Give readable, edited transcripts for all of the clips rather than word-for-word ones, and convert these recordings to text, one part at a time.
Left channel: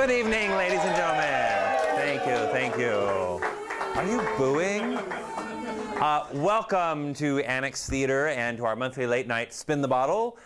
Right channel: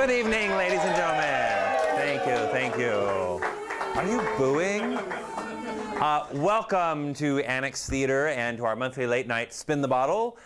Good evening, ladies and gentlemen. Thank you, thank you. Are you booing? Welcome to Annex Theater and to our monthly late night Spin the Bottle.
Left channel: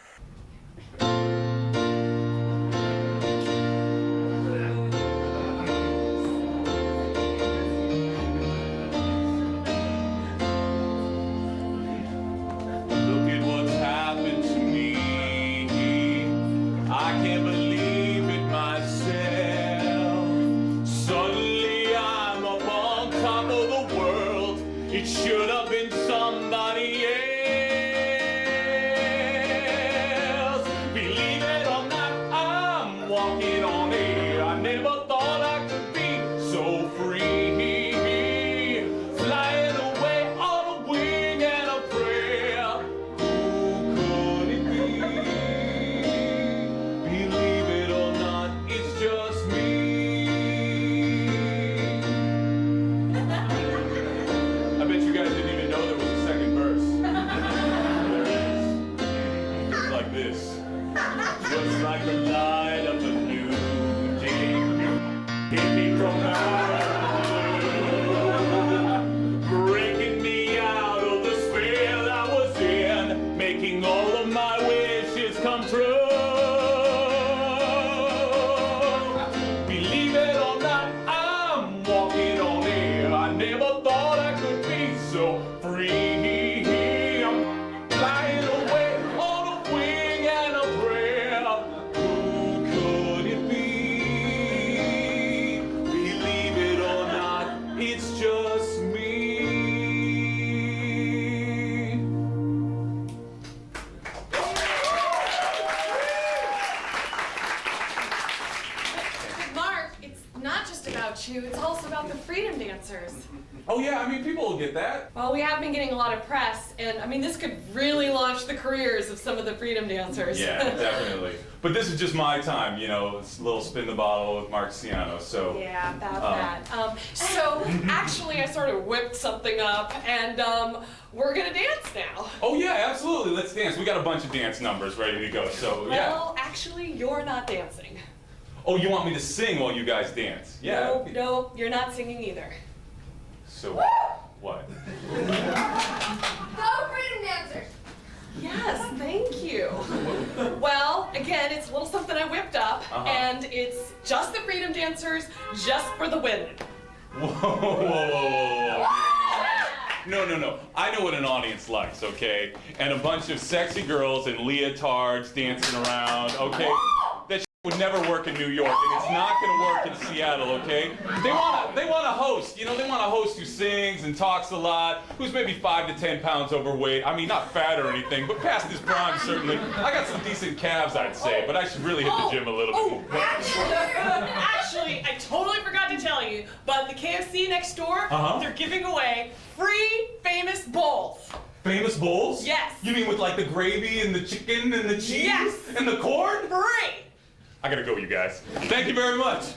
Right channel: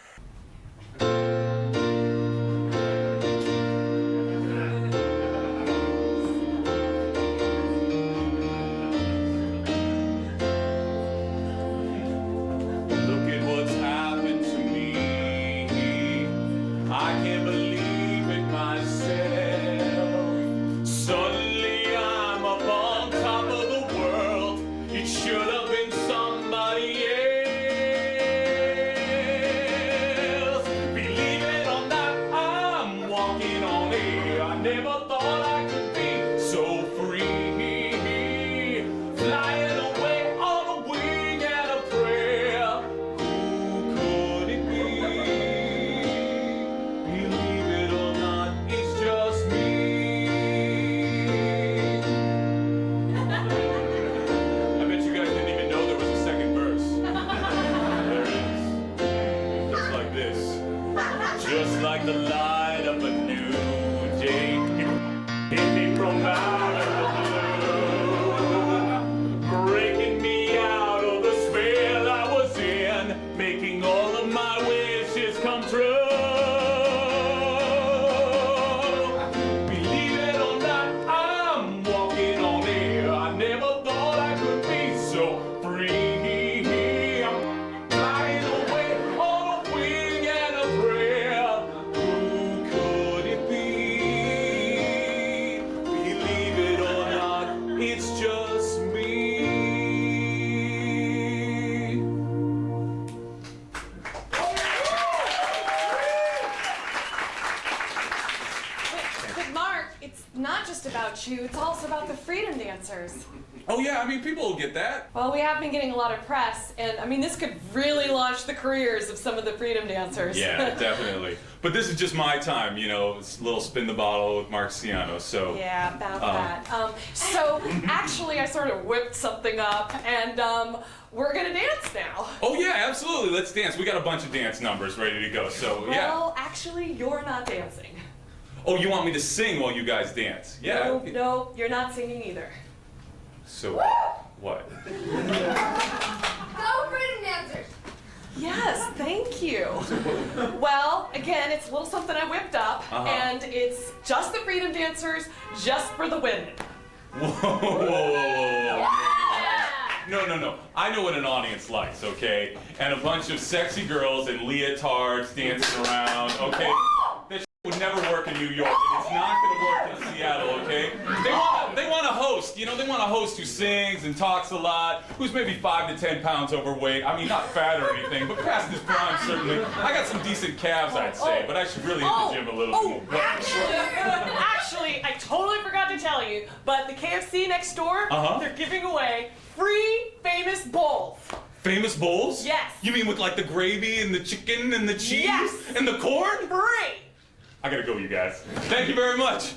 It's also about the freedom dancers. Oh yeah, I mean, people will get that. Well, we have been getting a lot of press, and I mean, this could really launch the careers of some of the freedom dancers. Yeah, definitely. But this is just my time, you know, it's a little Spin the Bottle with Mark Ciano, so. Yeah, about that. So, actually, I sort of whipped something up, and we're gonna dance now. Oh yeah, absolutely, let's dance. We got a bunch of dance numbers ready to go, so yeah. Well, actually, you're not dancing. Oh, you want me to sing while you guys dance? Yeah. No, no, you're not singing either. So, what? Go freedom dancers! Yes, thank you. Well, again, it's a little something I whipped up, and it's just the freedom dancers, just for the women. Whoa, whoa, whoa, whoa, whoa. No. I know what an audience likes, okay? And a bunch of sexy girls in leotards dancing around, okay? That would never work in New York, and it's not gonna work in Seattle, okay? They want a host, you know, they want a host who sings and talks a lot, who's maybe 5 to 10 pounds overweight. I mean, not fat or anything, but past his prime, certainly. I got some decent calves, I'd say, but I should really hit the gym a little bit more. Actually, I totally forgot to tell you, but the KFC next door, they're giving away free famous bowls. Famous bowls? Yes. You mean with like the gravy and the chicken and the cheese? Yes. And the corn? Great. I gotta go, you guys. Thank you very much.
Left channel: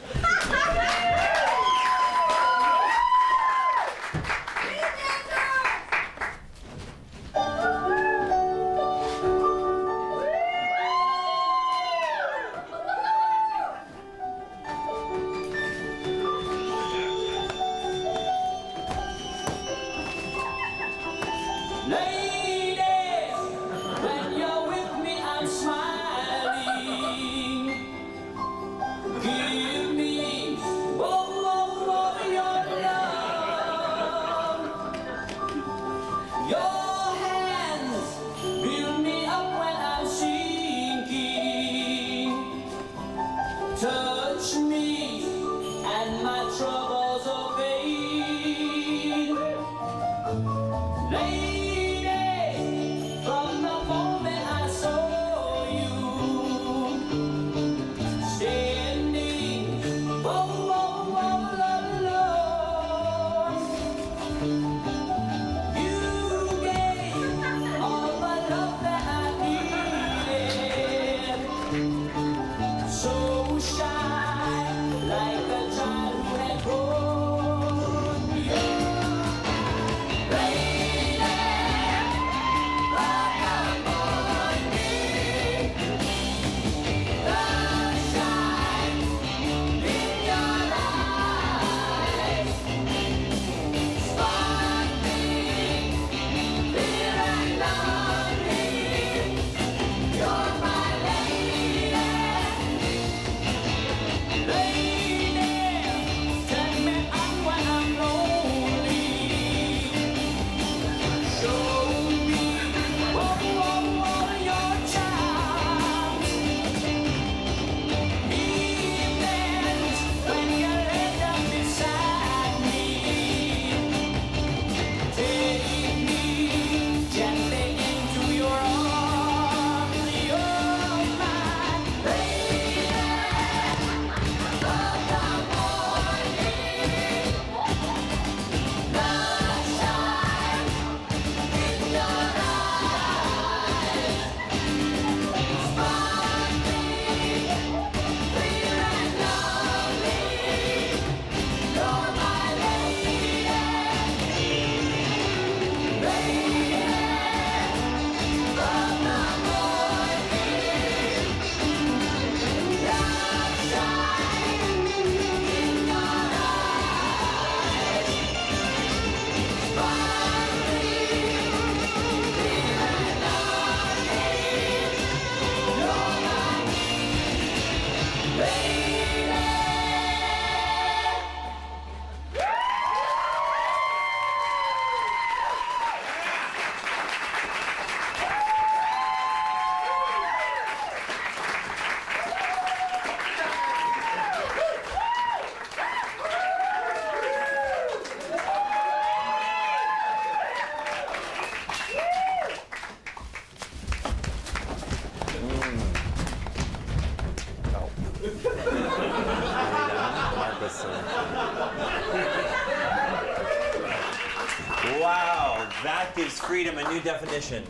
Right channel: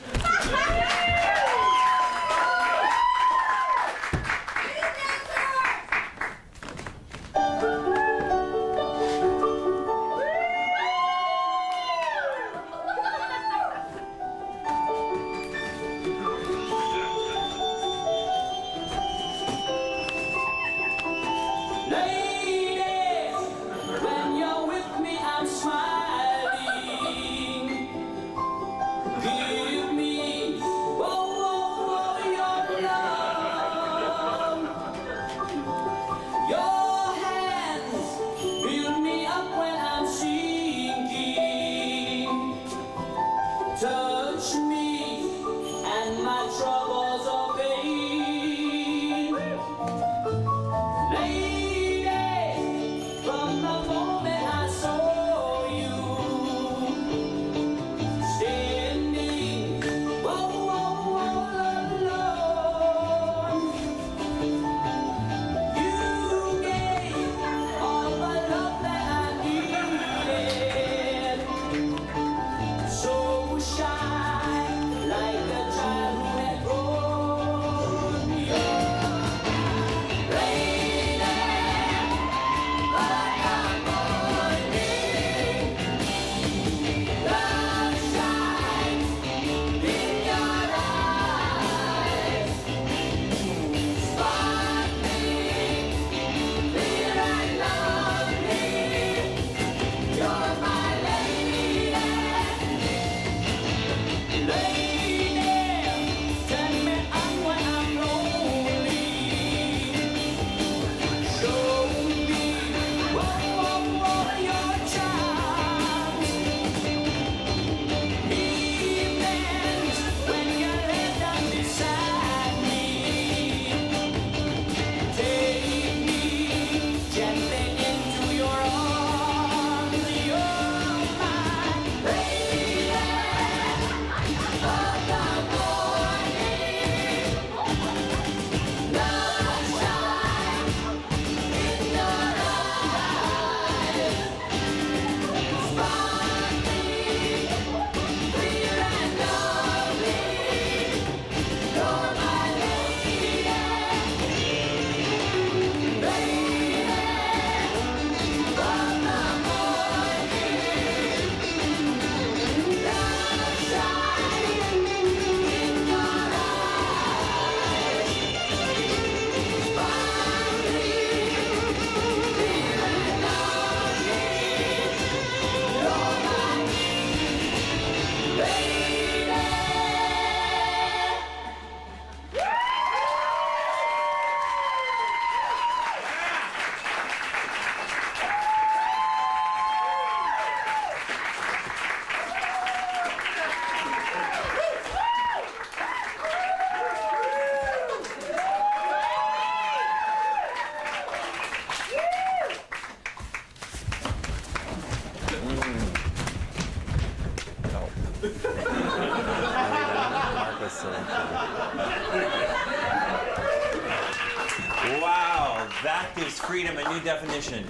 Touch me and my troubles obey. Lady, so funny. Wow, that gives freedom a new definition.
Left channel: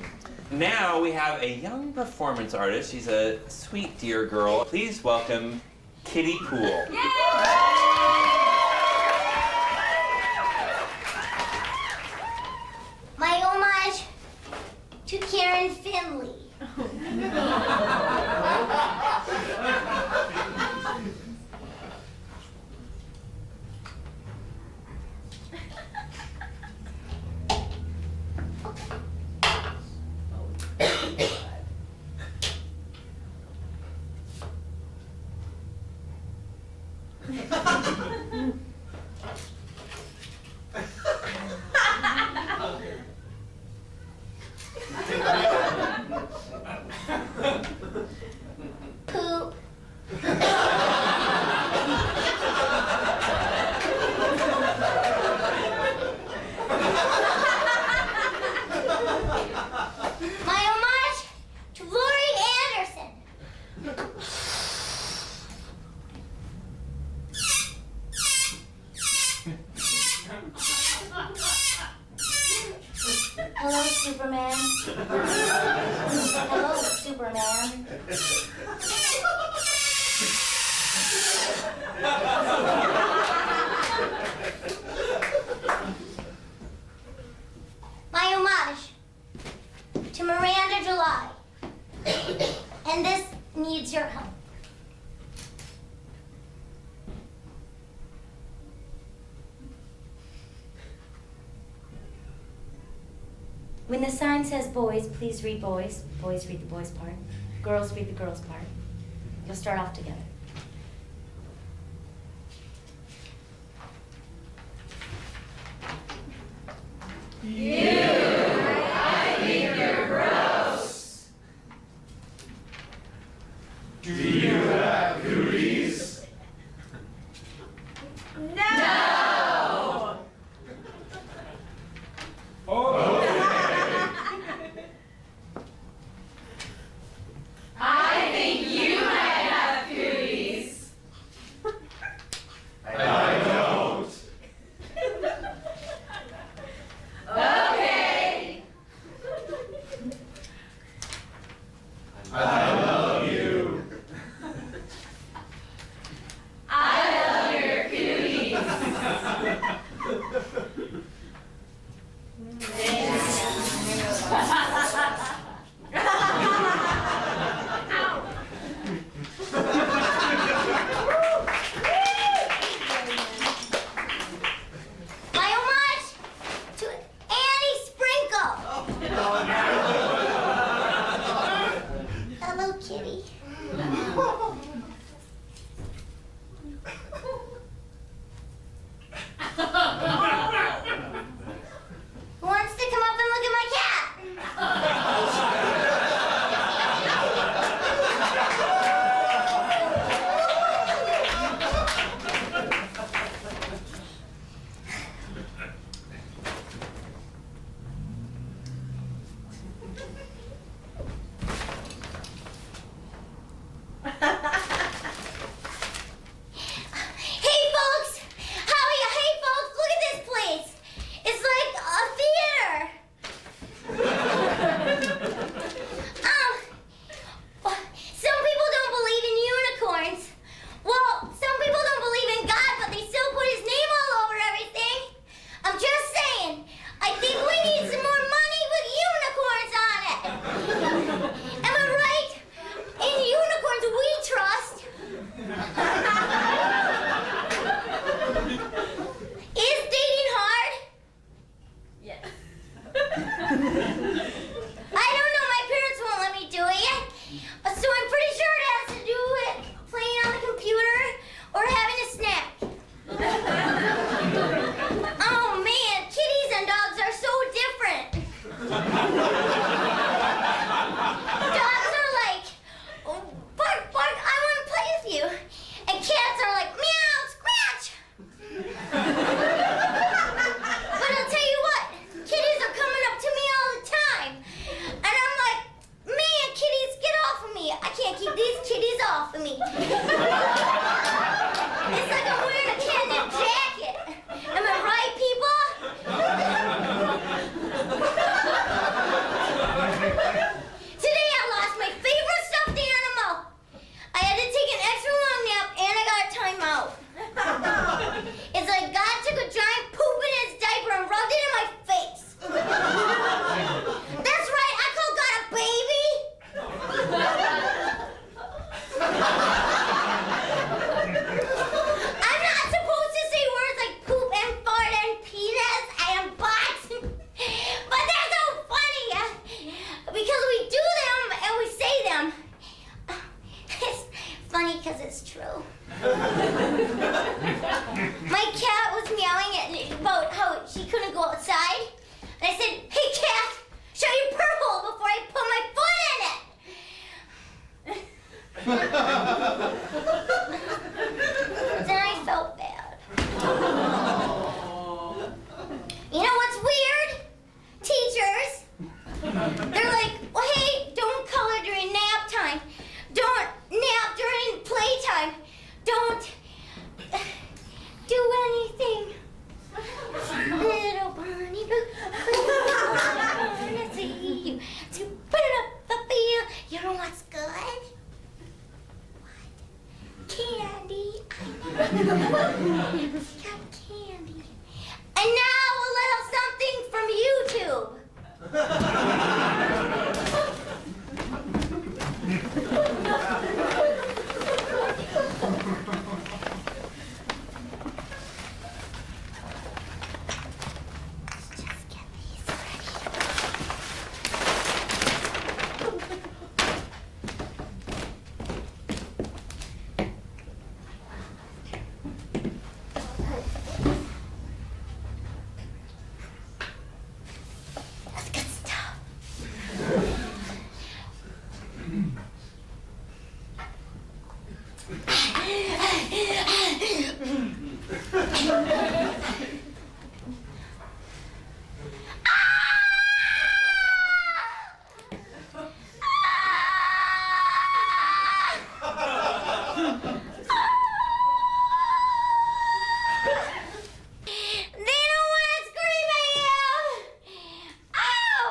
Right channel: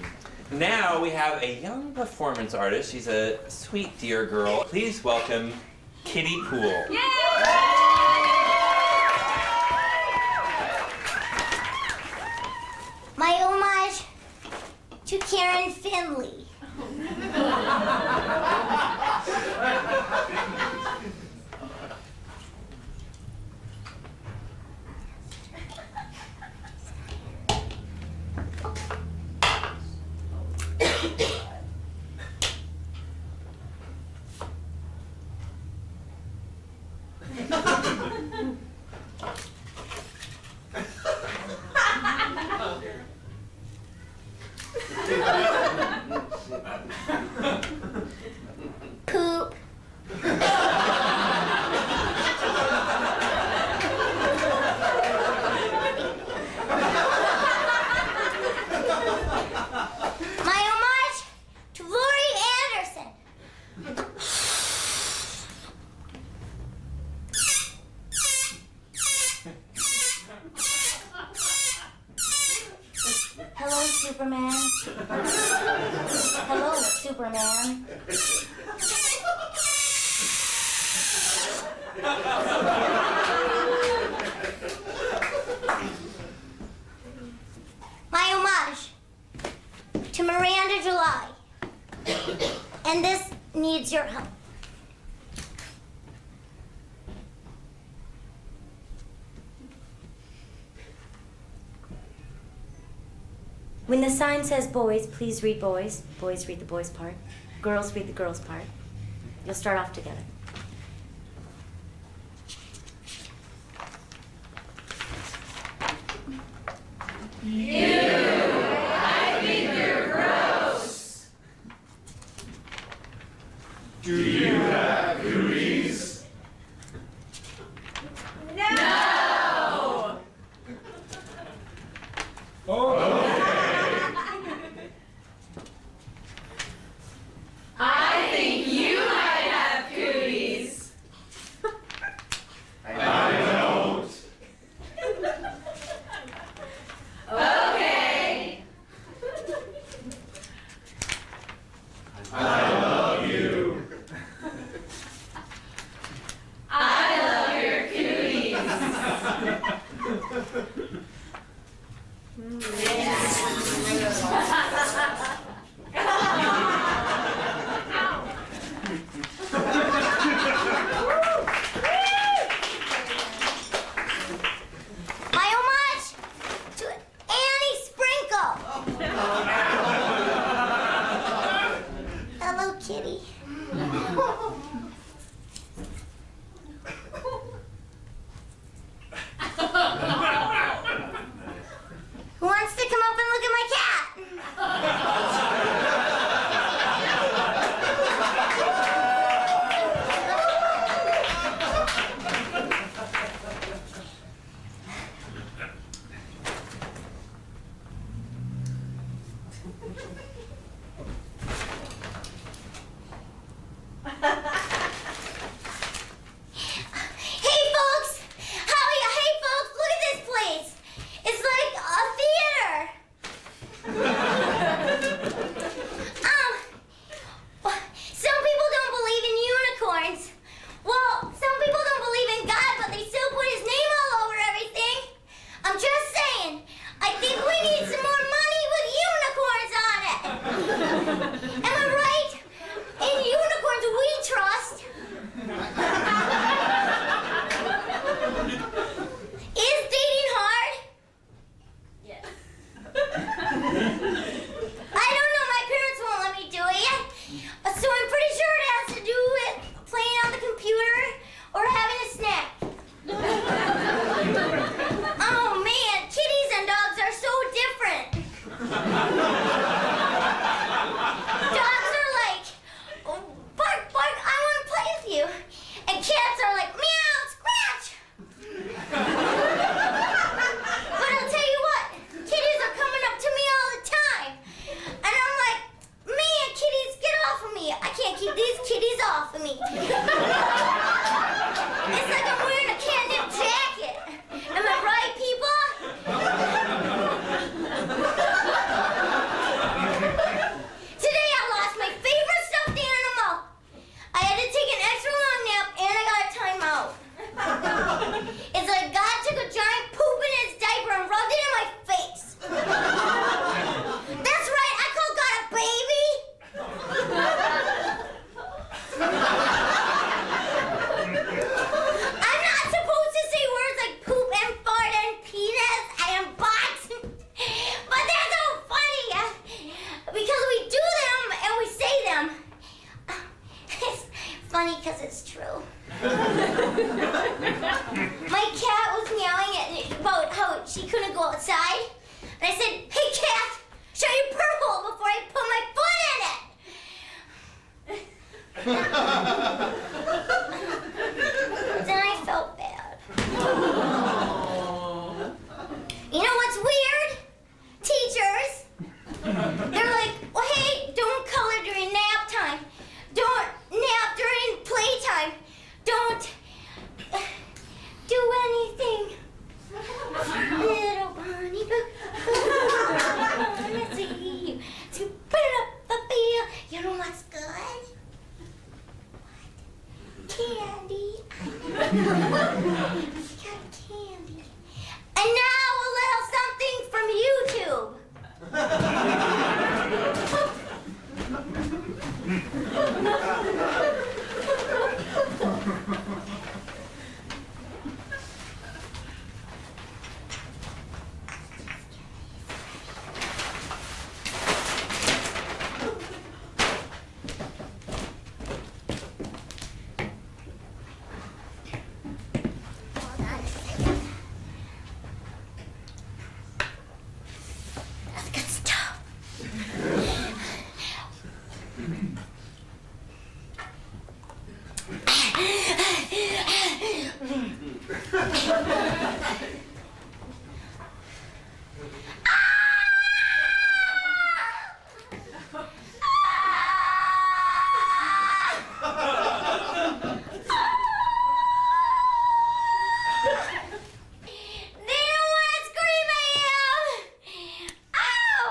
Now we have a young performance artist. She's a sweet, dear girl. Please welcome Kitty Poole. My homage to Karen Finley. Poop. My homage to Lori Anderson. Hello, Superman. Hello, Superman. My homage to Miranda July. And this needs your help. When the sign says boys, please read boys. Boys read the boys part. Girls read the girls part. You'll start off together. Do you have cooties? I think you might have cooties. I don't. Okay. I love you. I love your cooties. My homage to Annie Sprinkle. Hello, Kitty. Who wants to come up and look at my cat? Hey folks! Hey folks, look at this place! It's like a theater! Some people don't believe in unicorns. Well, some people don't believe in God, but they still put his name all over everything. I'm just saying, I think we need some more money with unicorns on it. Am I right? In unicorns we trust. Is dating hard? Yes. I don't know, my parents won't let me do it yet. So I'm pretty sure it has to do with playing on the computer or having a snack. Oh man, kitties and dogs are so different. Dogs are like, oh, bark, bark, I want to play with you. And cats are like, meow, scratch. But I'll tell you what, kitties are coming up to me all the time. And I'm like, man, kitties, get off of me. I can't keep these kitties off of me. It's like I'm wearing a cat My cat was meowing about how she couldn't go outside. And I said, hey cat, shut your purr hole before I put my foot in it. Then I felt bad. You know what's weird? Teachers. They're like, well, hey, don't color during nap time. Don't nap during playtime. Don't do anything. Little bunny boo. Let's see you. To put up the bill. You know what's good? What? Candy. Got candy. And now a little something from YouTube. Let's get started. They don't want to scream at you. Ow!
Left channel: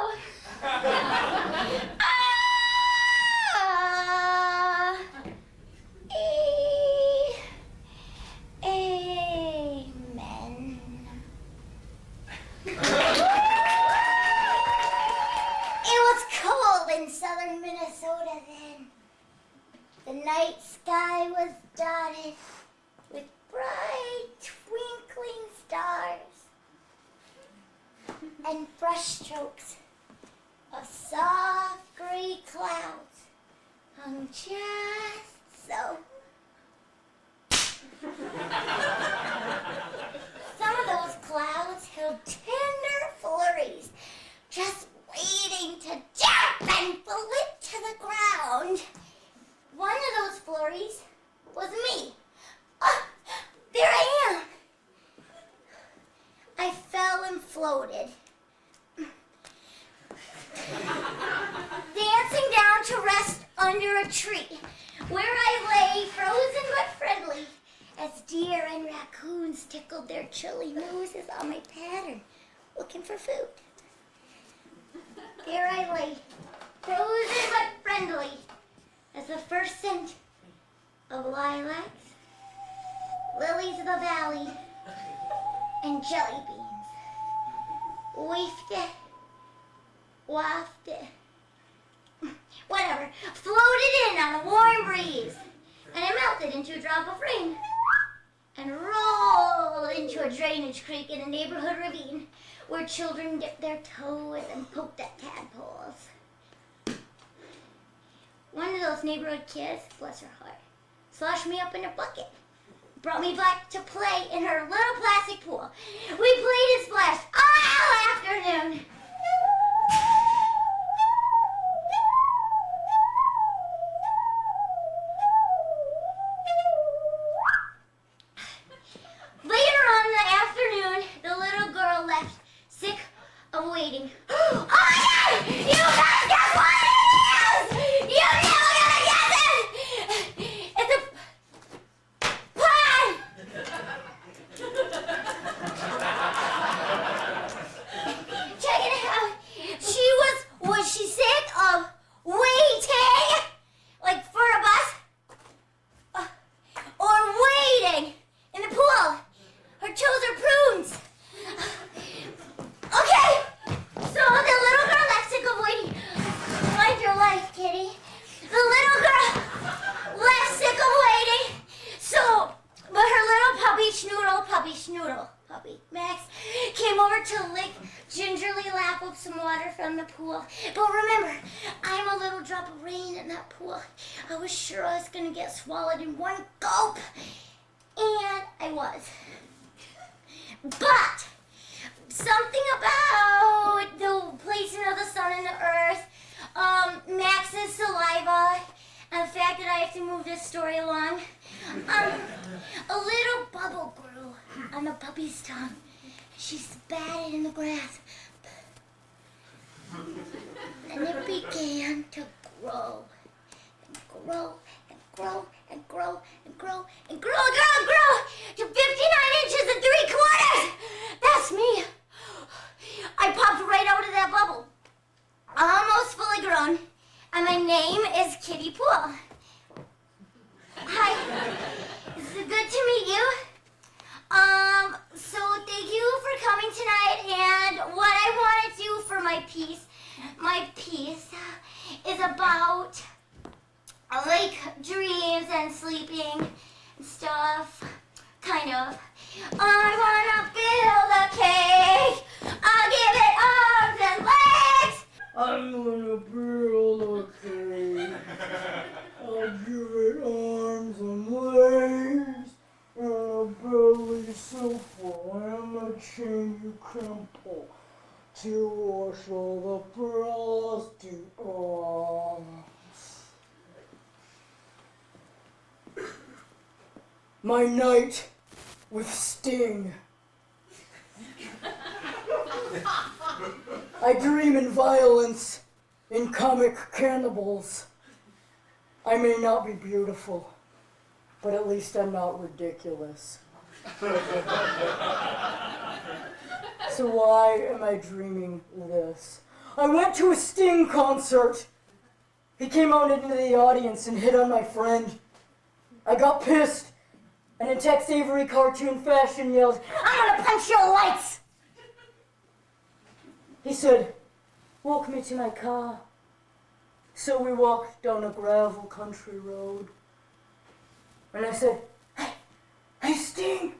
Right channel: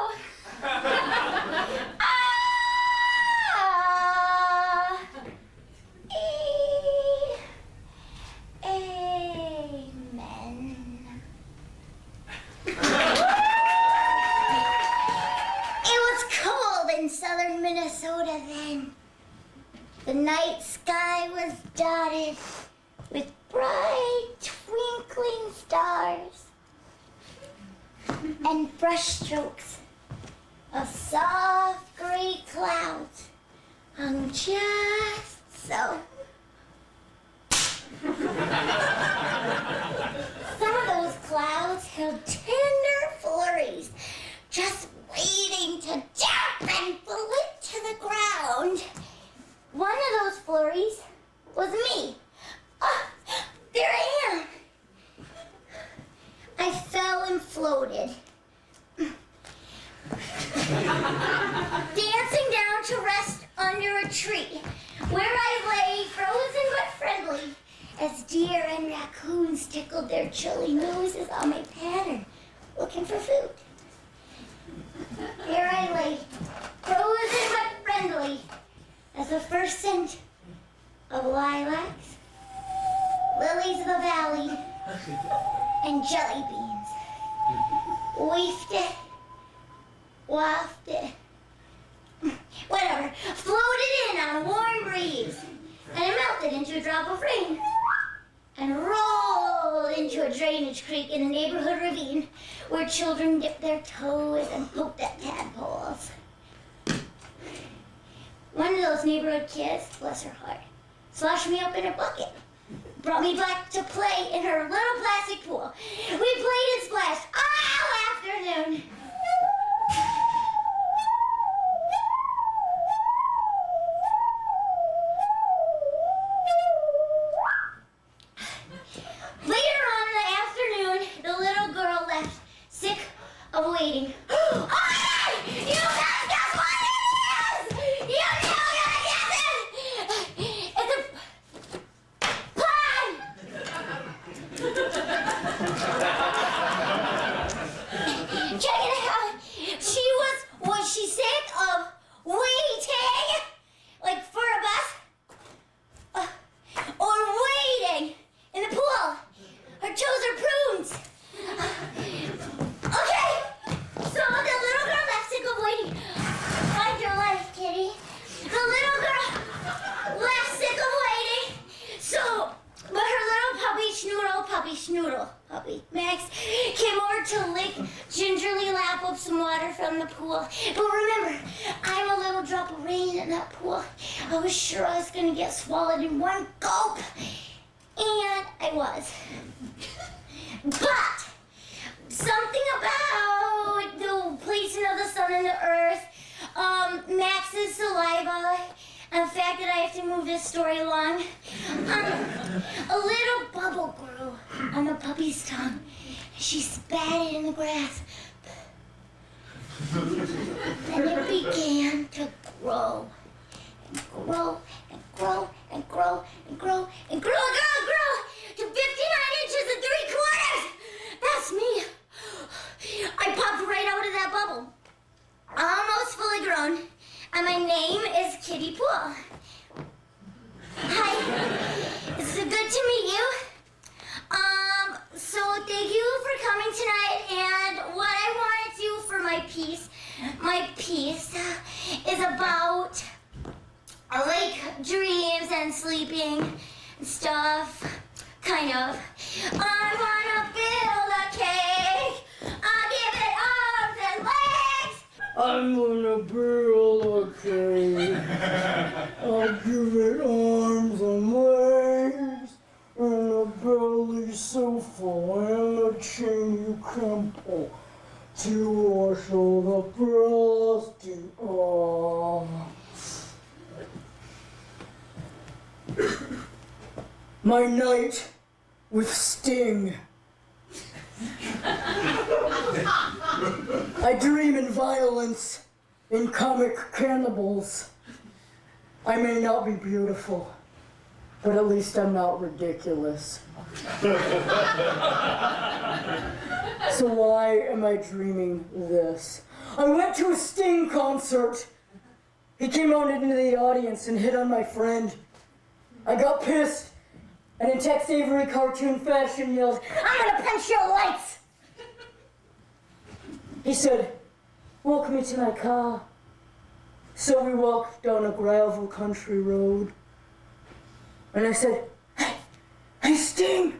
Amen. It was cold in southern Minnesota then. The night sky was dotted with bright twinkling stars and brushstrokes of soft gray clouds hung just so. Some of those clouds held tender flurries, just waiting to jump and flip to the ground. One of those flurries was me. Oh, there I am. I fell and floated, dancing down to rest under a tree, where I lay frozen but friendly, as deer and raccoons tickled their chilly noses on my pattern, looking for food. There I lay, frozen but friendly, as the first scent of lilacs, lilies of the valley, and jelly beans wafted, wafted, whatever, floated in on a warm breeze, and it melted into a drop of rain, and rolled into a drainage creek in a neighborhood ravine where children dipped their toes and poked at tadpoles. One of those neighborhood kids, bless her heart, sloshed me up in a bucket, brought me back to play in her little plastic pool. We played and splashed all afternoon. Later on in the afternoon, the little girl left, sick of waiting. Oh my God! You guys guess what it is! You never gonna guess it! It's a pie! Check it water from the pool. But remember, I'm a little drop of rain in that pool. I was sure I was gonna get swallowed in one gulp. And I was. But something about the placing of the sun and the earth, Max's saliva, and the fact that I have to move this story along, a little bubble grew on the puppy's tongue. She spat it in the grass. Then it began to grow and grow and grow and grow and grow and grow and grow to 59 inches and 3/4. That's me. I popped right out of that bubble, almost fully grown, and my name is Kitty Pool. Hi, it's good to meet you. So thank you for coming tonight, and what I want to do for my piece is about like dreams and sleeping and stuff, kind of. I wanna build a cake, I'll give it arms and legs. I'm gonna build a cake, I'll give it arms and legs, and a belly so full and a chain you can pull to wash all the frosting off. My night with Sting. I dream in violence, in comic cannibals. I may not be beautiful, but at least I'm not ridiculous. So why am I dreaming this? I went to a Sting concert. He came out into the audience and hit on my friend. I got pissed and in Tex Avery cartoon fashion yelled, I'm gonna punch your lights. He said, walk me to my car. So we walked down a gravel country road. And I said, hey Sting,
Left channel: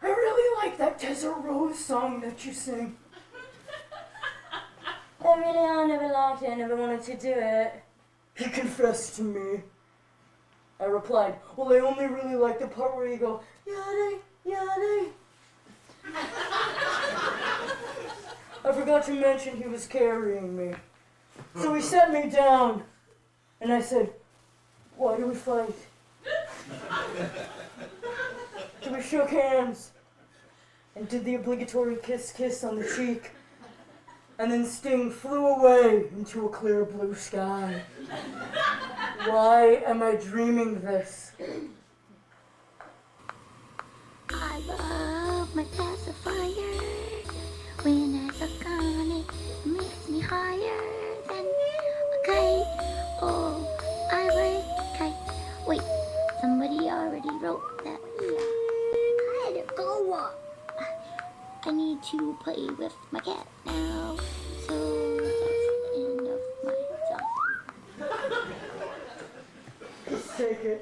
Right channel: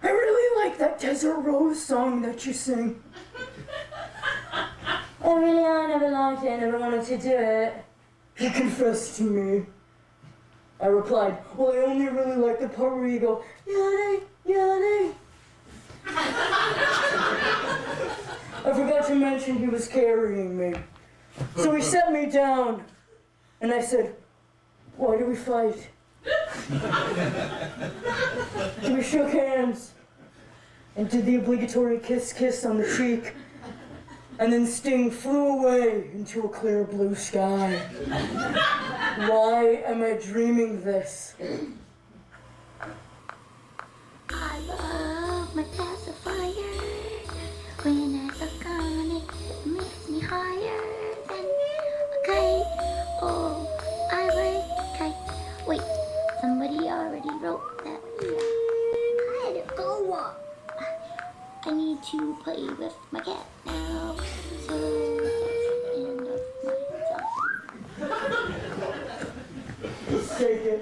I really like that Desert Rose song that you sing. I never liked it, I never wanted to do it. He confessed to me. I replied, well, I only really like the part where you go, yada, yada. I forgot to mention he was carrying me. So he set me down, and I said, why do we fight? We shook hands and did the obligatory kiss on the cheek, and then Sting flew away into a clear blue sky. Why am I dreaming this? I love my pacifier. When I suck on it, it makes me higher than a kite. Oh, I like a kite. Wait, somebody already wrote that here. I had to go up. I need to play with my cat now. So that's the end of my song. Just take it.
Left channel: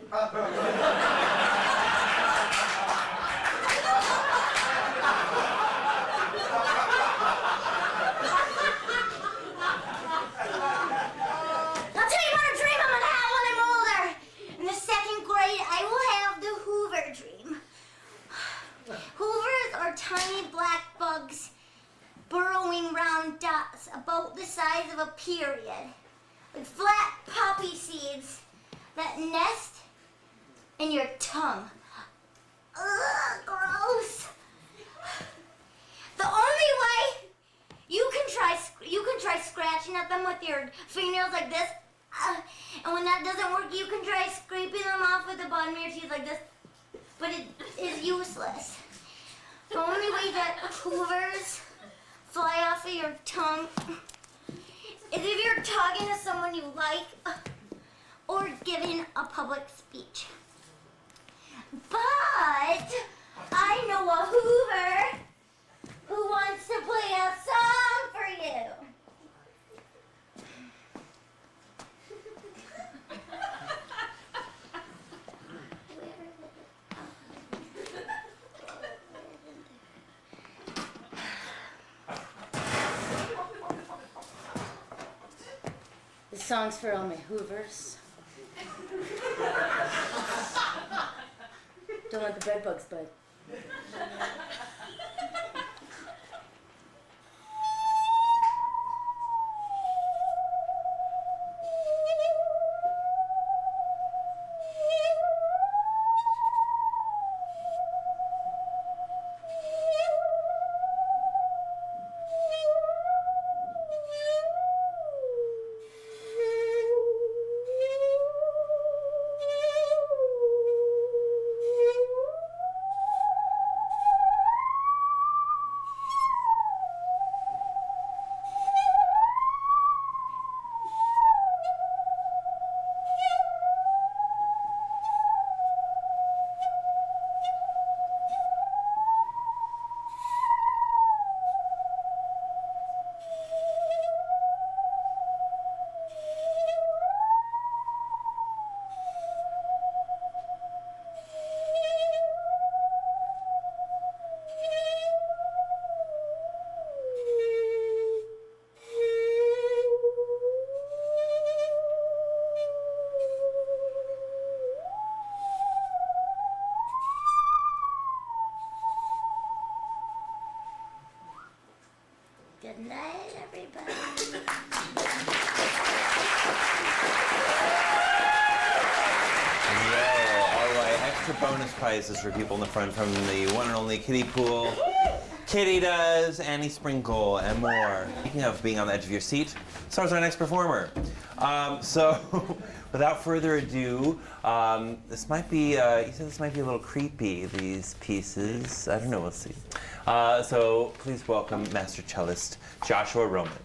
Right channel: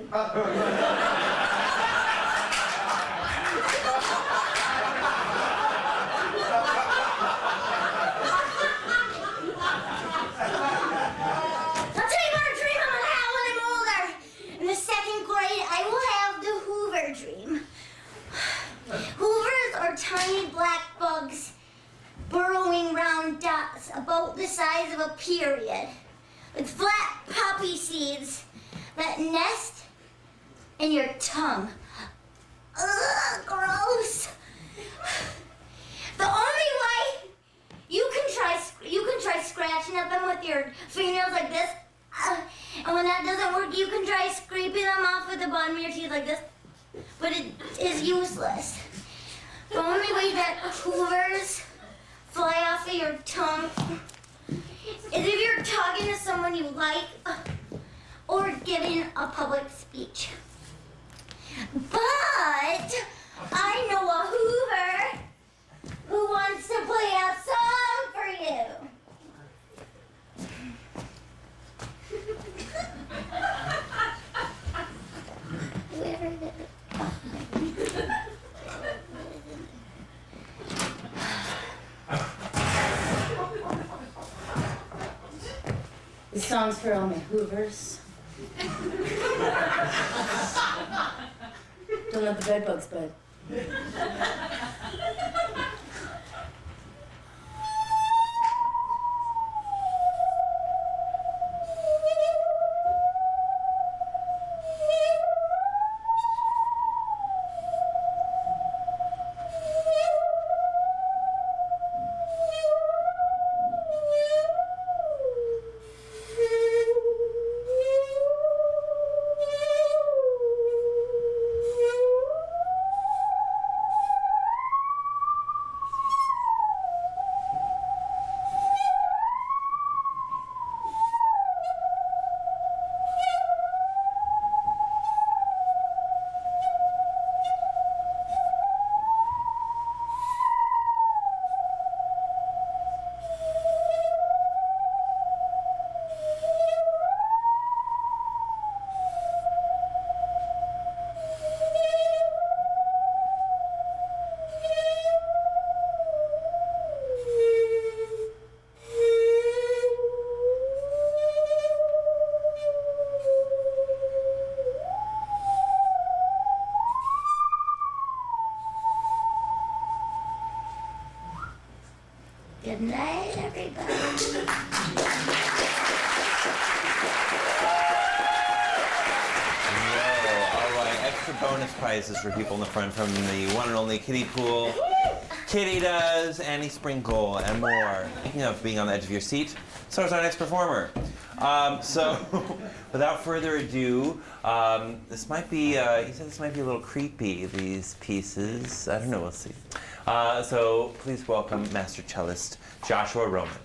Tiny black bugs burrowing round dots about the size of a period with flat poppy seeds that nest in your tongue. Ugh, gross. The only way you can try scratching at them with your fingernails like this, and when that doesn't work, you can try scraping them off with the bottom of your teeth like this, but it is useless. The only way that hoovers fly off of your tongue is if you're talking to someone you like or giving a public speech. But I know a hoover who wants to play a song for you. Where is it? song's for all my Hoovers. Don't let the bed bugs bite. Good night, everybody. Whoa, all right. Extra bonus prizes for people in the front from the one and only Kiddie Pool. Kitty Does, Annie Sprinkle, and more. Speaking of being on the edge of your seat, so is our next performer. So, without further ado, this might be, you said this might be a little creepy, these pieces. I don't know, we'll see. So, please welcome Master Cellist Joshua Roman.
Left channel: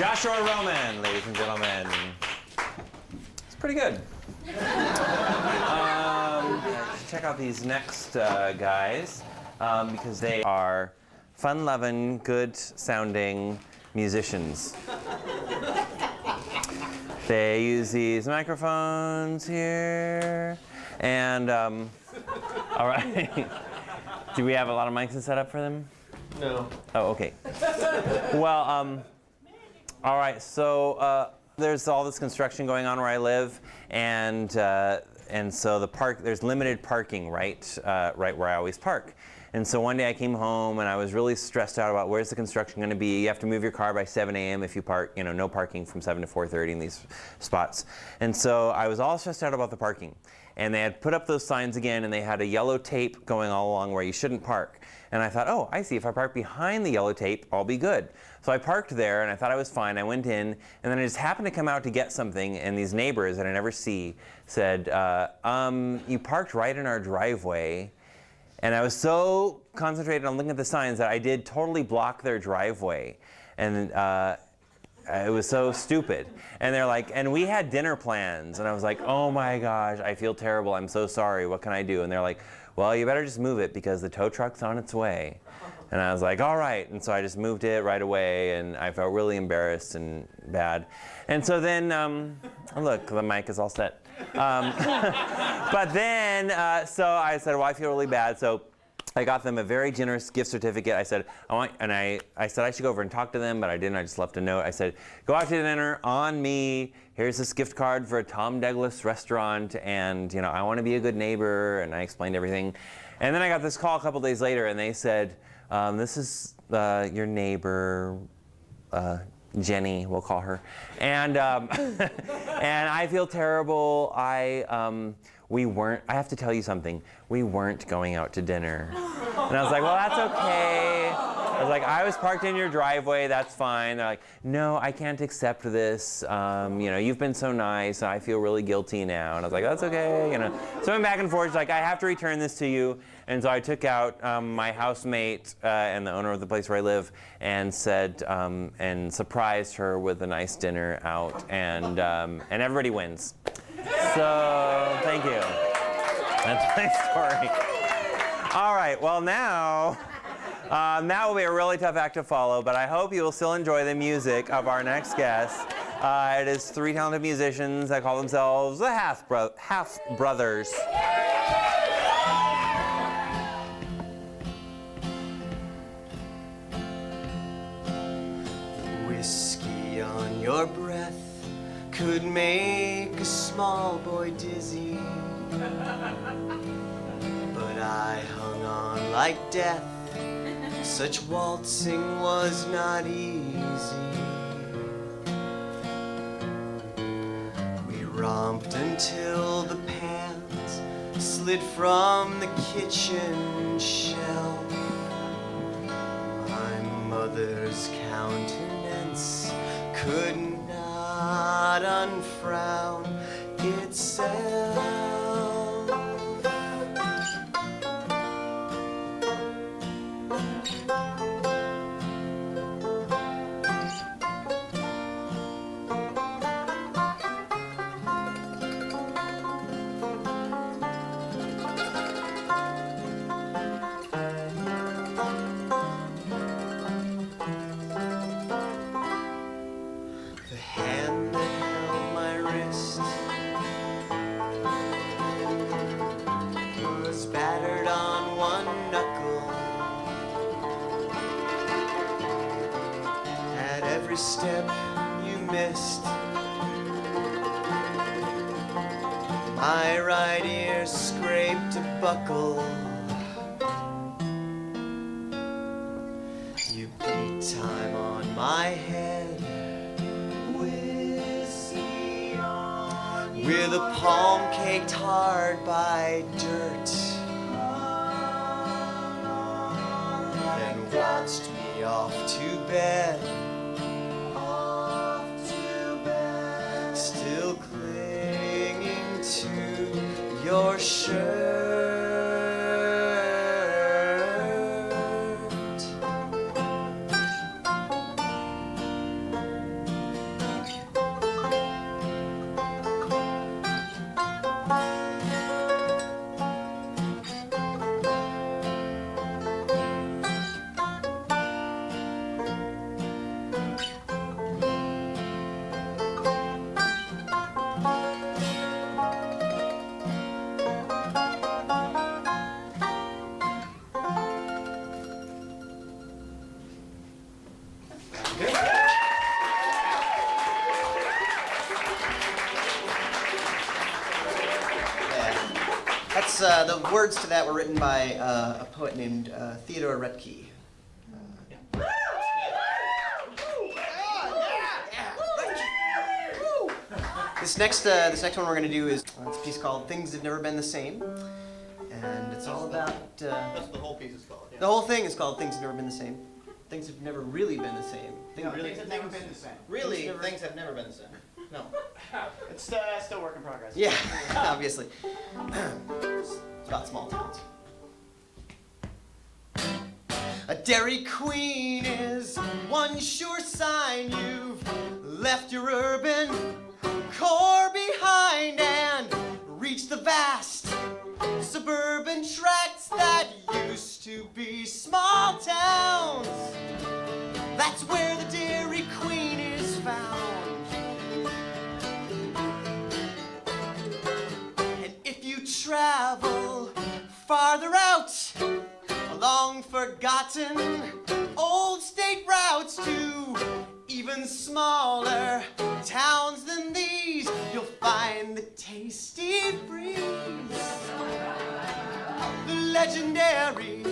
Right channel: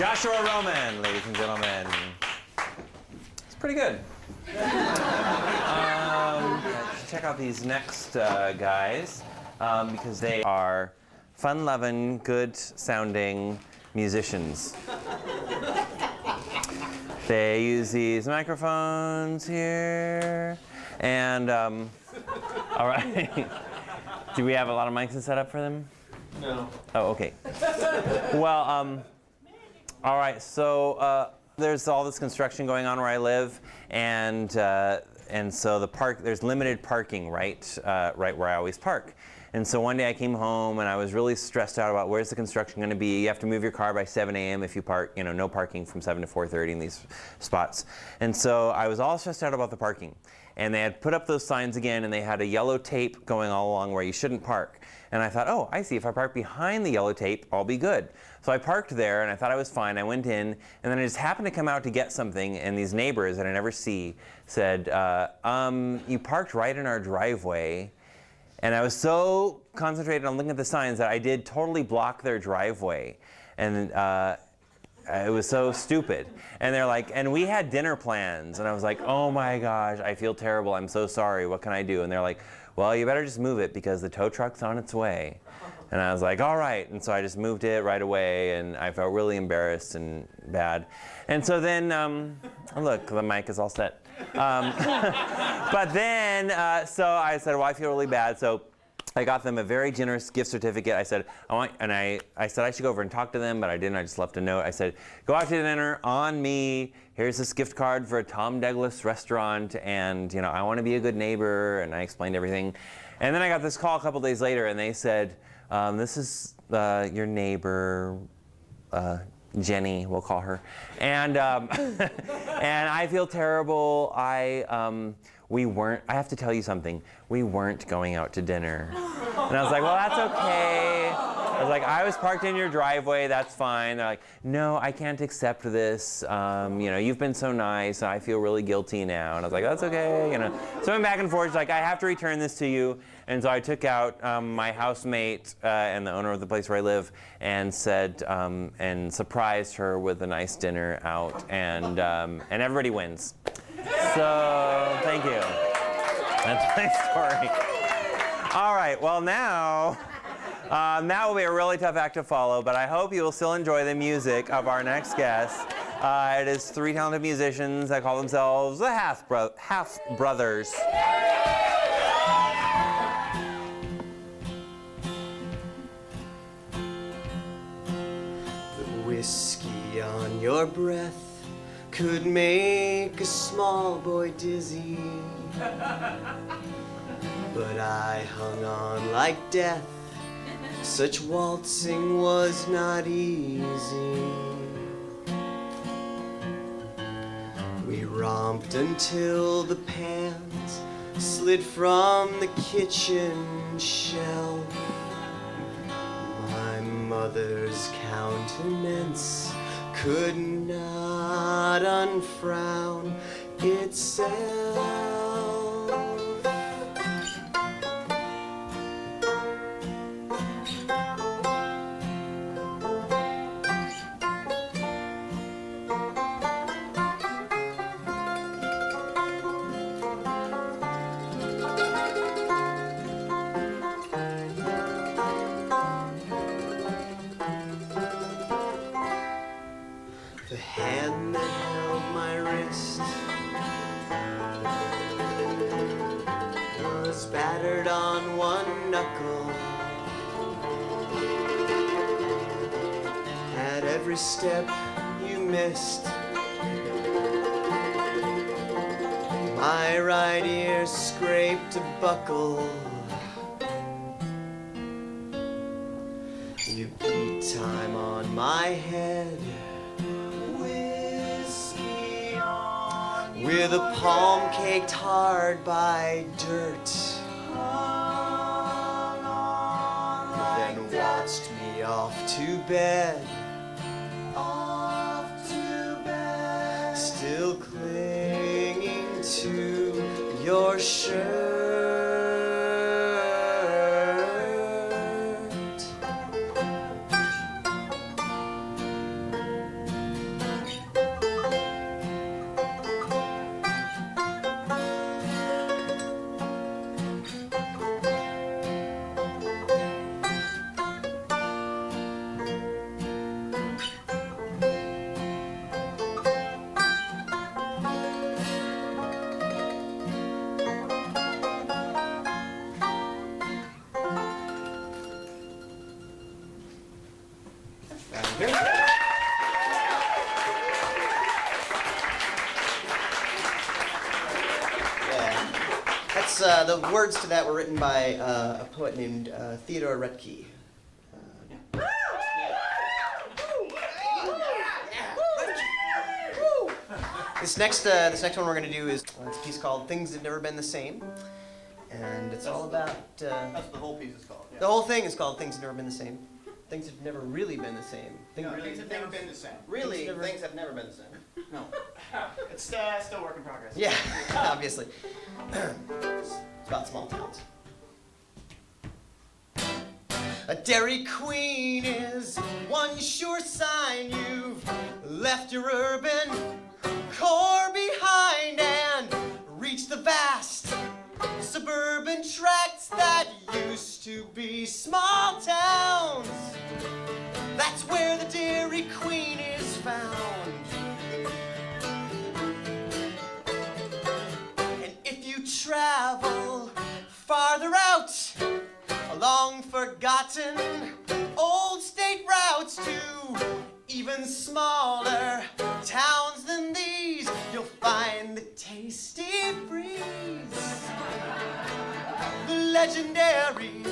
Joshua Roman, ladies and gentlemen. It's pretty good. Check out these next guys because they are fun-loving, good-sounding musicians. They use these microphones here, and all right. Do we have a lot of mics set up for them? No. Oh, okay. Well, all right. So there's all this construction going on where I live, and so there's limited parking right where I always park. And so one day I came home and I was really stressed out about where's the construction going to be. You have to move your car by 7 a.m. if you park, no parking from 7 to 4:30 in these spots. And so I was all stressed out about the parking. And they had put up those signs again, and they had a yellow tape going all along where you shouldn't park. And I thought, oh, I see, if I park behind the yellow tape, I'll be good. So I parked there, and I thought I was fine. I went in, and then I just happened to come out to get something, and these neighbors that I never see said, you parked right in our driveway. And I was so concentrated on looking at the signs that I did totally block their driveway. And it was so stupid. And they're like, and we had dinner plans. And I was like, oh my gosh, I feel terrible. I'm so sorry. What can I do? And they're like, well, you better just move it because the tow truck's on its way. And I was like, all right. And so I just moved it right away, and I felt really embarrassed and bad. And so then, look, the mic is all set. But then, so I said, well, I feel really bad. So I got them a very generous gift certificate. I said, I said I should go over and talk to them, but I didn't. I just left a note. I said, go out to dinner on me. Here's this gift card for a Tom Douglas restaurant, and I want to be a good neighbor. And I explained everything. And then I got this call a couple days later, and they said, this is your neighbor, Jenny, we'll call her, and and I feel terrible. I have to tell you something. We weren't going out to dinner. And I was like, well, that's okay. I was like, I was parked in your driveway, that's fine. They're like, no, I can't accept this. You've been so nice, I feel really guilty now. And I was like, that's okay, So I went back and forth, like, I have to return this to you. And so I took out my housemate and the owner of the place where I live and said, and surprised her with a nice dinner out, and everybody wins. So, thank you. That's my story. All right, well now, that will be a really tough act to follow, but I hope you will still enjoy the music of our next guest. It is 3 talented musicians that call themselves the Half Brothers. The whiskey on your breath could make a small boy dizzy, but I hung on like death. Such waltzing was not easy. We romped until the pans slid from the kitchen shelf. My mother's countenance could not unfrown itself. The hand that held my wrist was battered on one knuckle. At every step you missed, my right ear scraped a buckle. You beat time on my head with a palm caked hard by dirt, then waltzed me off to bed, still clinging to your shirt. That's the words to that were written by a poet named Theodore Retke. This next one we're gonna do is it's a piece called "Things Have Never Been the Same," and it's all about. That's the whole piece is called. Yeah. The whole thing is called "Things Have Never Been the Same." Things have never really been the same. Things have never been the same. Really, Things have never been the same. No. It's still work in progress. Yeah, obviously. It's about small towns. A Dairy Queen is one sure sign you've left your urban core behind and reached the vast suburban tracts that used to be small towns. That's where the Dairy Queen is found. And if you travel farther out along forgotten old state routes to even smaller towns than these, you'll find the Tasty Freeze, the legendary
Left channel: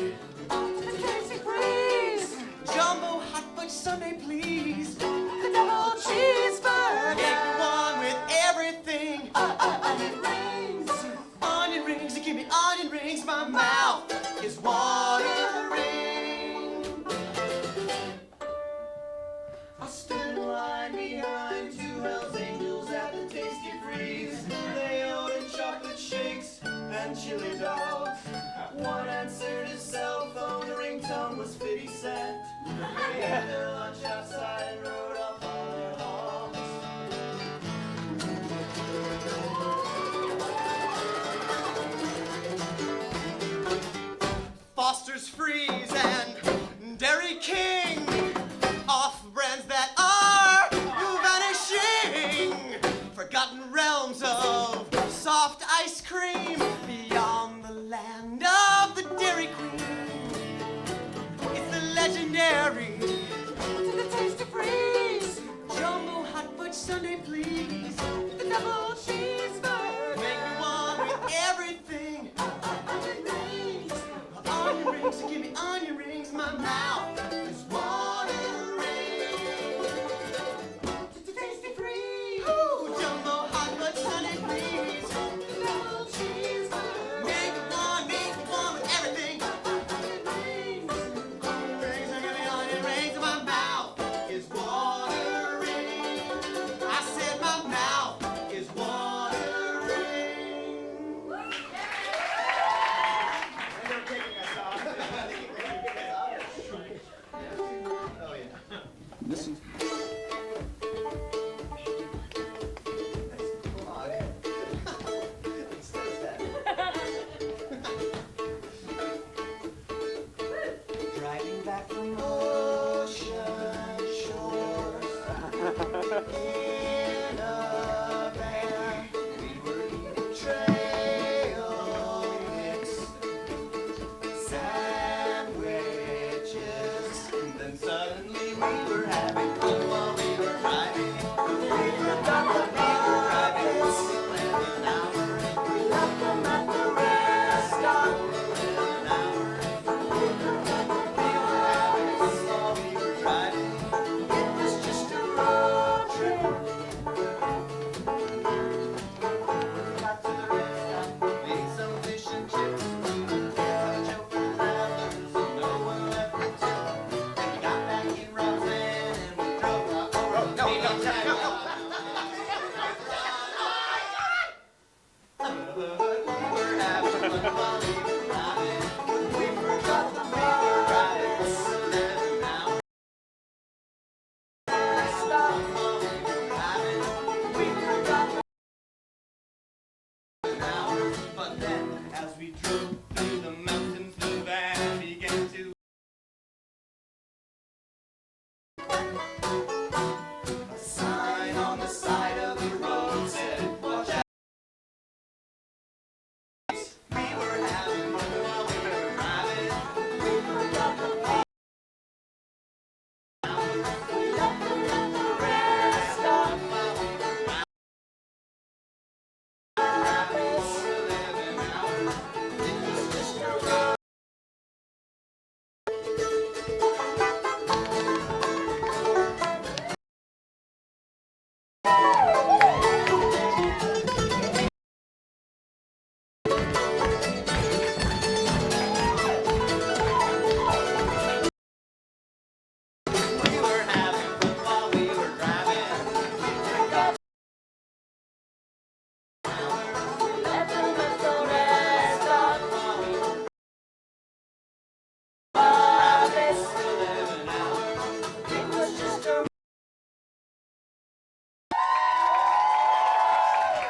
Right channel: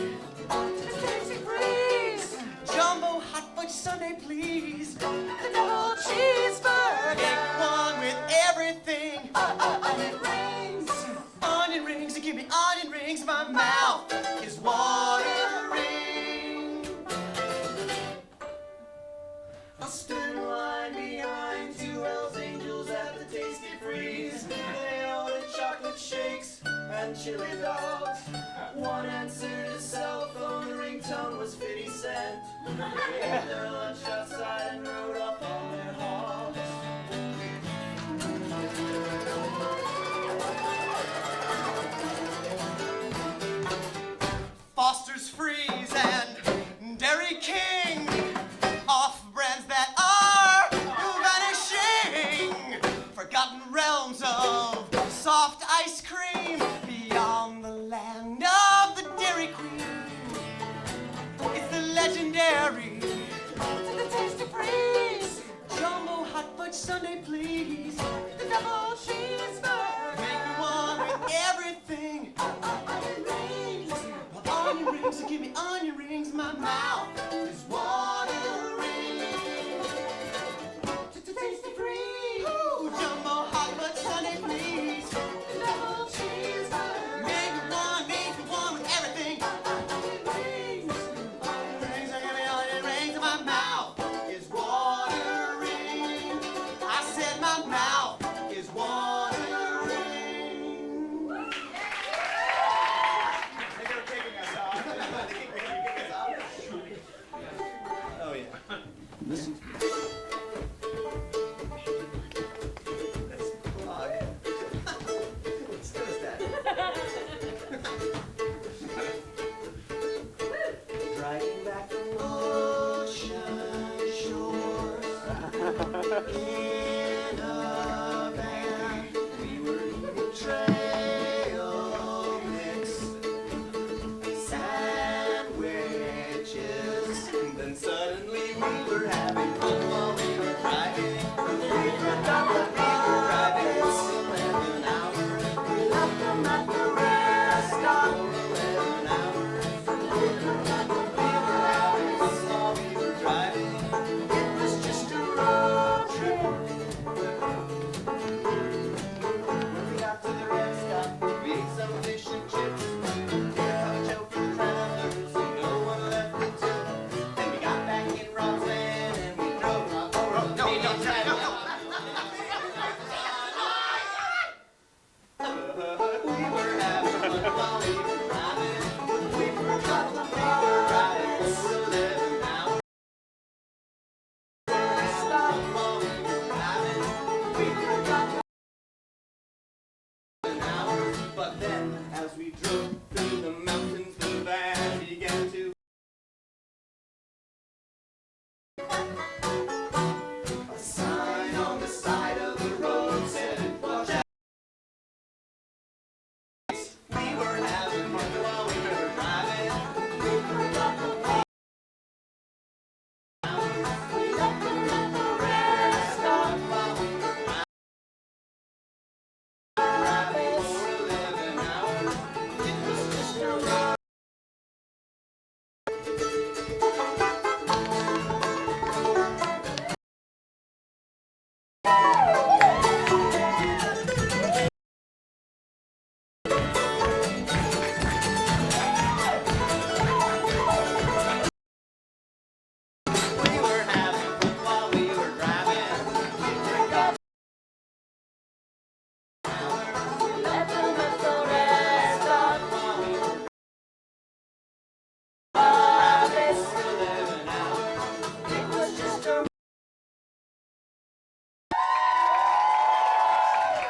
Tasty Freeze, jumbo hot fudge sundae please, the double cheeseburger, make one with everything, onion rings, give me onion rings, my mouth is watering. I'll stand in line behind two Hells Angels at the Tasty Freeze. They ordered chocolate shakes and chili dogs. One answered his cell phone, the ringtone was 50 Cent. They ate their lunch outside and rode off on their hogs. Foster's Freeze and Dairy King, off-brands that are vanishing, forgotten realms of soft ice cream beyond the land of the Dairy Queen. It's the legendary the Tasty Freeze, jumbo hot fudge sundae please, the double cheeseburger, make me one with everything, onion rings, so give me onion rings, my mouth is watering. Tasty Freeze, ooh, jumbo hot fudge sundae please, double cheeseburger, make me one with everything, onion rings, so give me onion rings, my mouth is watering. I said my mouth is watering. They're kicking us off. Oh, yeah. Listen. Driving back from ocean shores in a van, we were eating trail mix sandwiches. Then suddenly we were having fun while we were driving. We forgot that we were driving for 11 hours. We left them at the rest stop for 11 hours. We forgot that we were having fun while we were driving. It was just a road trip. When we got to the rest stop, we ate some fish and chips. Have a joke for the travelers, so no one left the tip. Then we got back in Rob's van and we drove off. We were having fun while we were driving. We forgot that we were driving for 11 hours. Stop while we were driving. We forgot that we were driving for 11 hours. But then, as we drove through the mountains, the van began to. A sign on the side of the road said, "Watch out." We were having fun while we were driving. We forgot the we left them at the rest stop while we were driving for 11 hours.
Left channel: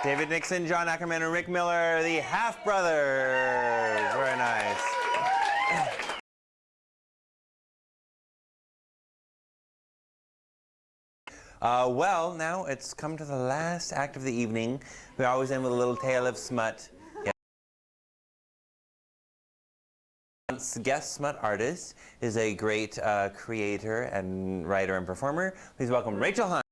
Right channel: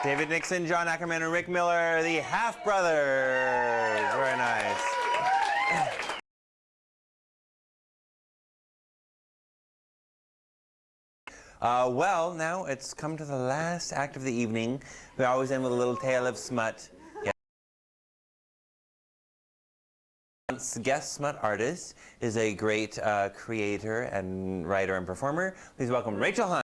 David Nixon, John Ackerman, and Rick Miller, the Half Brothers. Very nice. Well, now it's come to the last act of the evening. We always end with a little tale of smut. Guest smut artist is a great creator and writer and performer. Please welcome Rachel Hunt.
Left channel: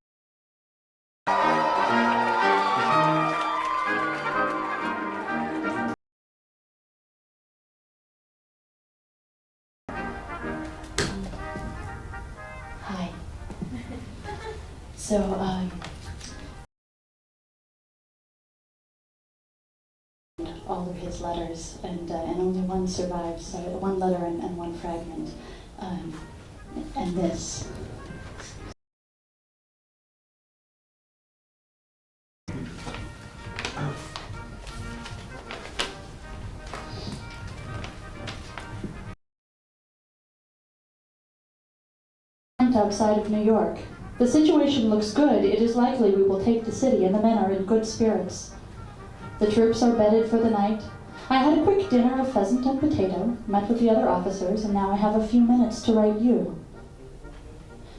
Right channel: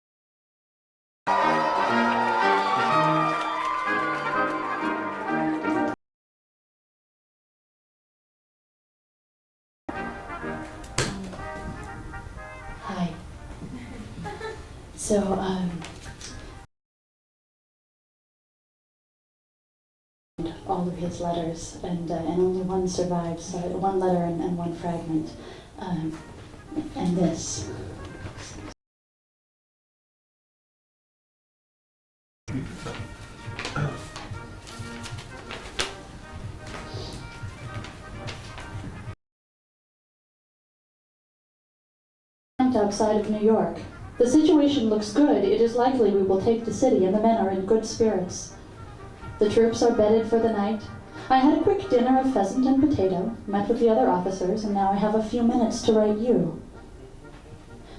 Hi. So, all of his letters, and only one survives, so one letter and one fragment, and this. Outside of New York. The situation looks good. It is likely we will take the city, and the men are in good spirits. The troops are bedded for the night. I had a quick dinner of pheasant and potato, met with the other officers, and now I have a few minutes to write you.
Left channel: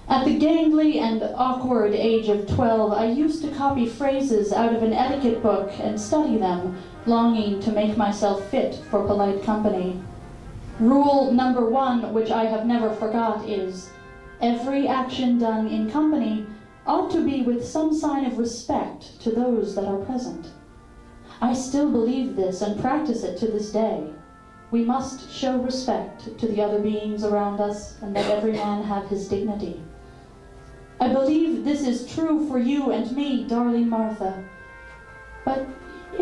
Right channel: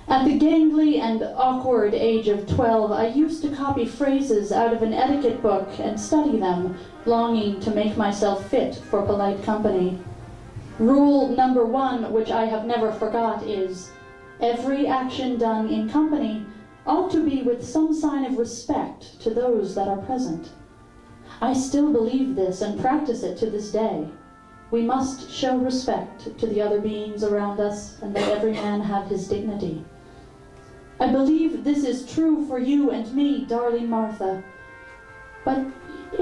At the gangly and awkward age of 12, I used to copy phrases out of an etiquette book and study them, longing to make myself fit for polite company. Rule number 1, which I have never forgot, is every action done in company ought to be with some sign of respect to those that are present. I still believe this and practice it to this day. We must show respect to the other beings around us and let every man have his dignity. I believe this is true for you and me, darling Martha. But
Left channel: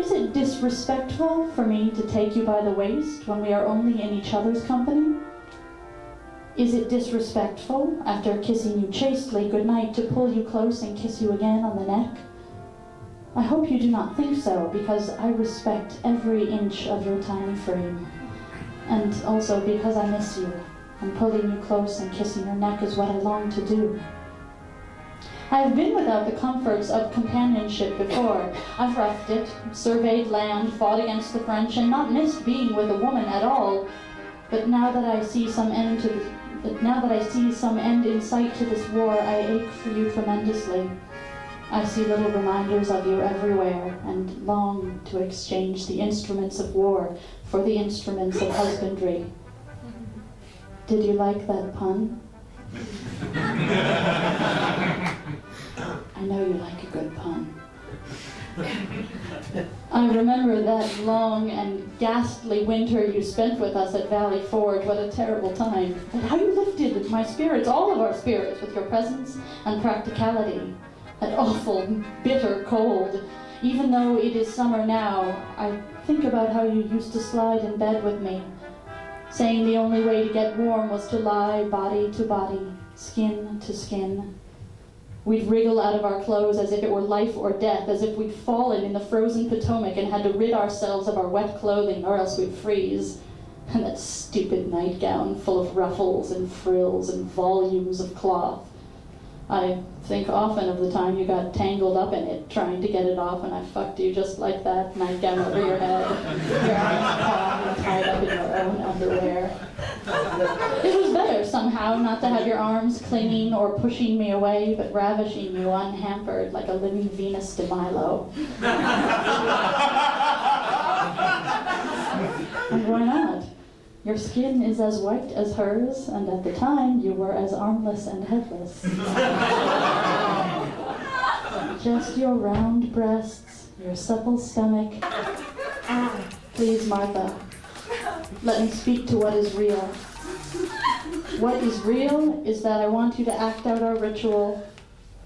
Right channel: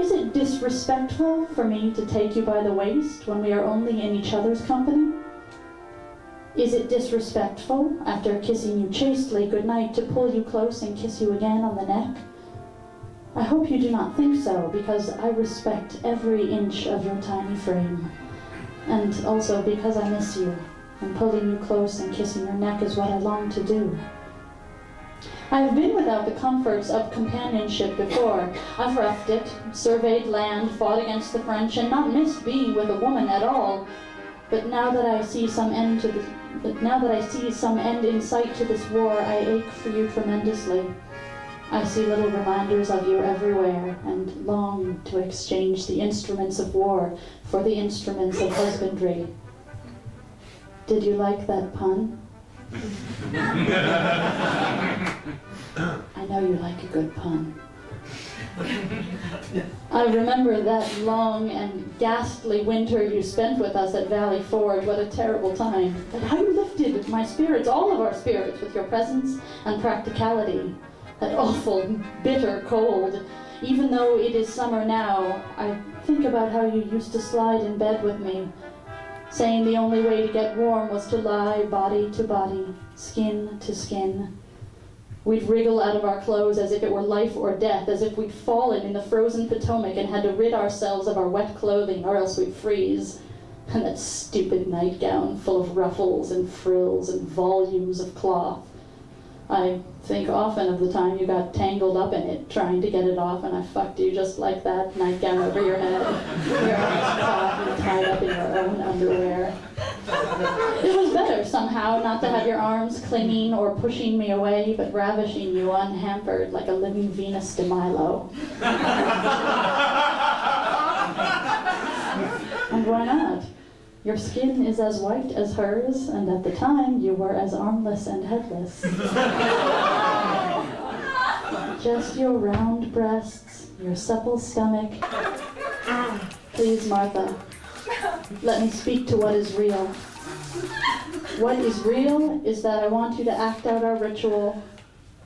is it disrespectful for me to take you by the waist when we are only in each other's company? Is it disrespectful, after kissing you chastely goodnight, to pull you close and kiss you again on the neck? I hope you do not think so, because I respect every inch of your tiny frame. And also because I miss you, and pulling you close and kissing your neck is what I long to do. I have been without the comforts of companionship before. I've roughed it, surveyed land, fought against the French, and not missed being with a woman at all. But now that I see some end in sight to this war, I ache for you tremendously. I see little reminders of you everywhere, and long to exchange the instruments of war for the instruments of husbandry. Did you like that pun? I know you like a good pun. I remember that long and ghastly winter you spent with us at Valley Forge. What a terrible time. But how you lifted my spirits, all of our spirits, with your presence and practicality. That awful, bitter cold. Even though it is summer now, I think about how you used to slide in bed with me, saying the only way to get warm was to lie body to body, skin to skin. We'd wriggle out of our clothes as if it were life or death, as if we'd fallen in the frozen Potomac and had to rid ourselves of our wet clothing or else we'd freeze. And that stupid nightgown full of ruffles and frills and volumes of cloth. I think often of the time you got tangled up in it, trying to get it off, and I fucked you just like that, nightgown over your head, your arms caught and tied up in your own underwear. It was better somehow not to have your arms clinging or pushing me away, but ravishing you unhampered like a living Venus de Milo. And why not? Your skin is as white as hers, and at the time you were as armless and headless. Just your round breasts, your supple stomach. Please, Martha, let me speak to what is real. What is real is that I want you to act out our ritual,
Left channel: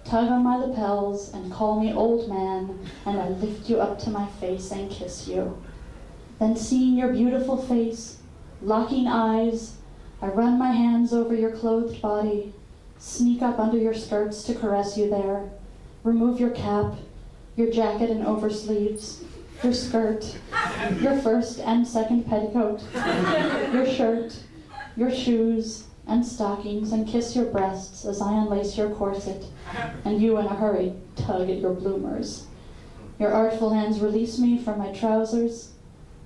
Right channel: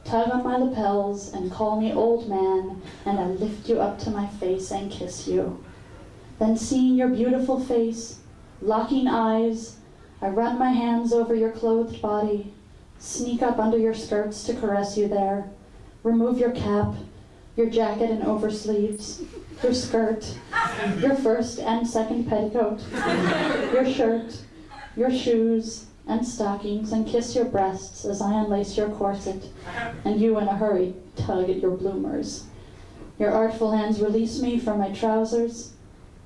tug on my lapels, and call me old man, and I lift you up to my face and kiss you. Then seeing your beautiful face, locking eyes, I run my hands over your clothed body, sneak up under your skirts to caress you there, remove your cap, your jacket and oversleeves, your skirt, your first and second petticoat, your shirt, your shoes and stockings, and kiss your breasts as I unlace your corset, and you in a hurry tug at your bloomers. Your artful hands release me from my trousers.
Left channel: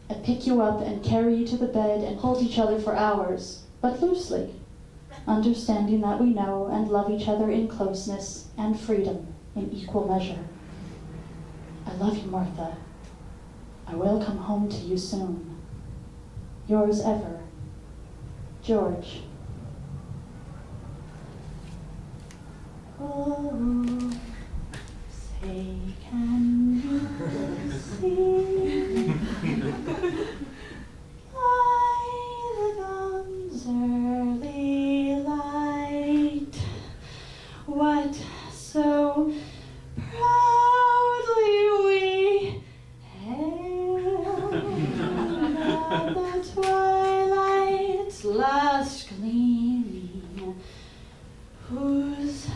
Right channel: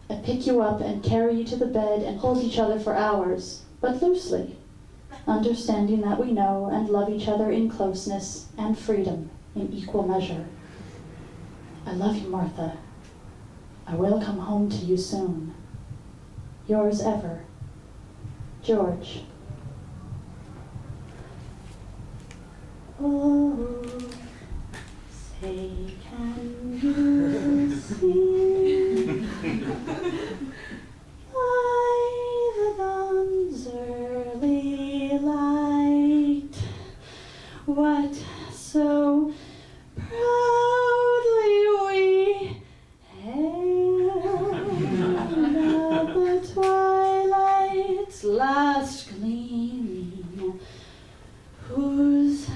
I pick you up and carry you to the bed and hold each other for hours, but loosely, understanding that we know and love each other in closeness and freedom in equal measure. I love you, Martha. I will come home to you soon. Yours ever, George. Oh, say, can you see by the dawn's early light what so proudly we hailed at the twilight's last gleaming, whose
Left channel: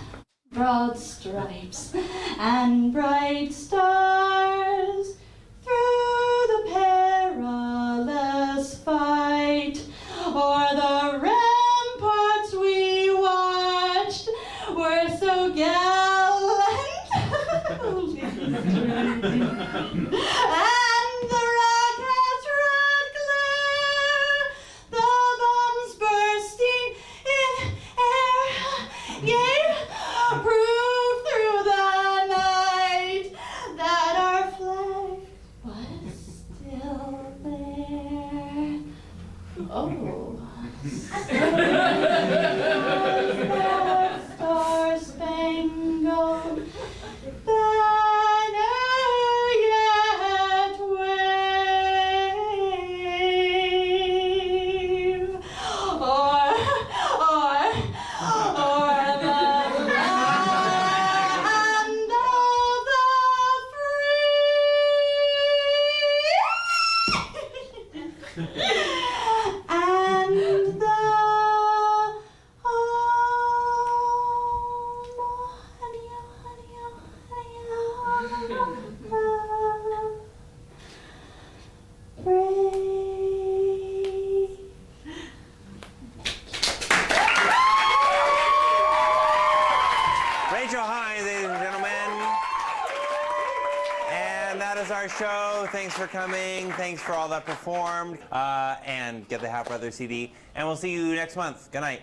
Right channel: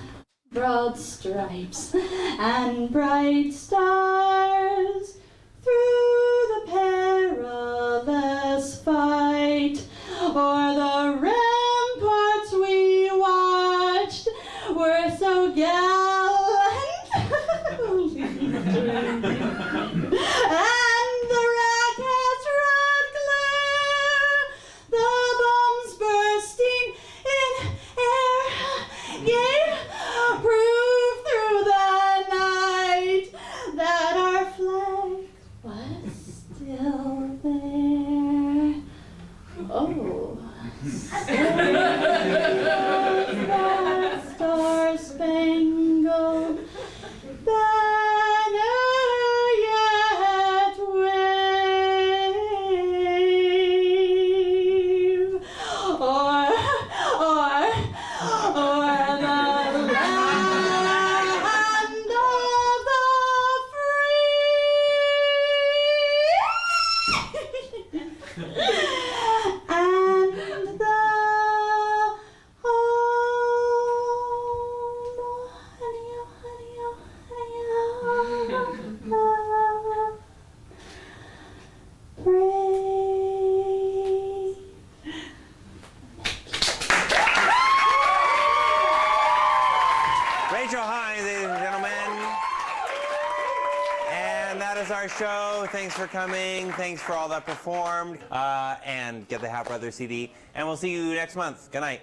broad stripes and bright stars through the perilous fight o'er the ramparts we watched were so gallantly streaming, and the rockets' red glare, the bombs bursting in air, gave proof through the night that our flag was still there. Oh, still was that star-spangled banner yet wave, or the land of the free and the Rachel Hines, ladies and gentlemen. And that is our show. Thanks for coming. Thanks for all that performed. And get the Hat Brothers CD. And we'll see you next month. Good night.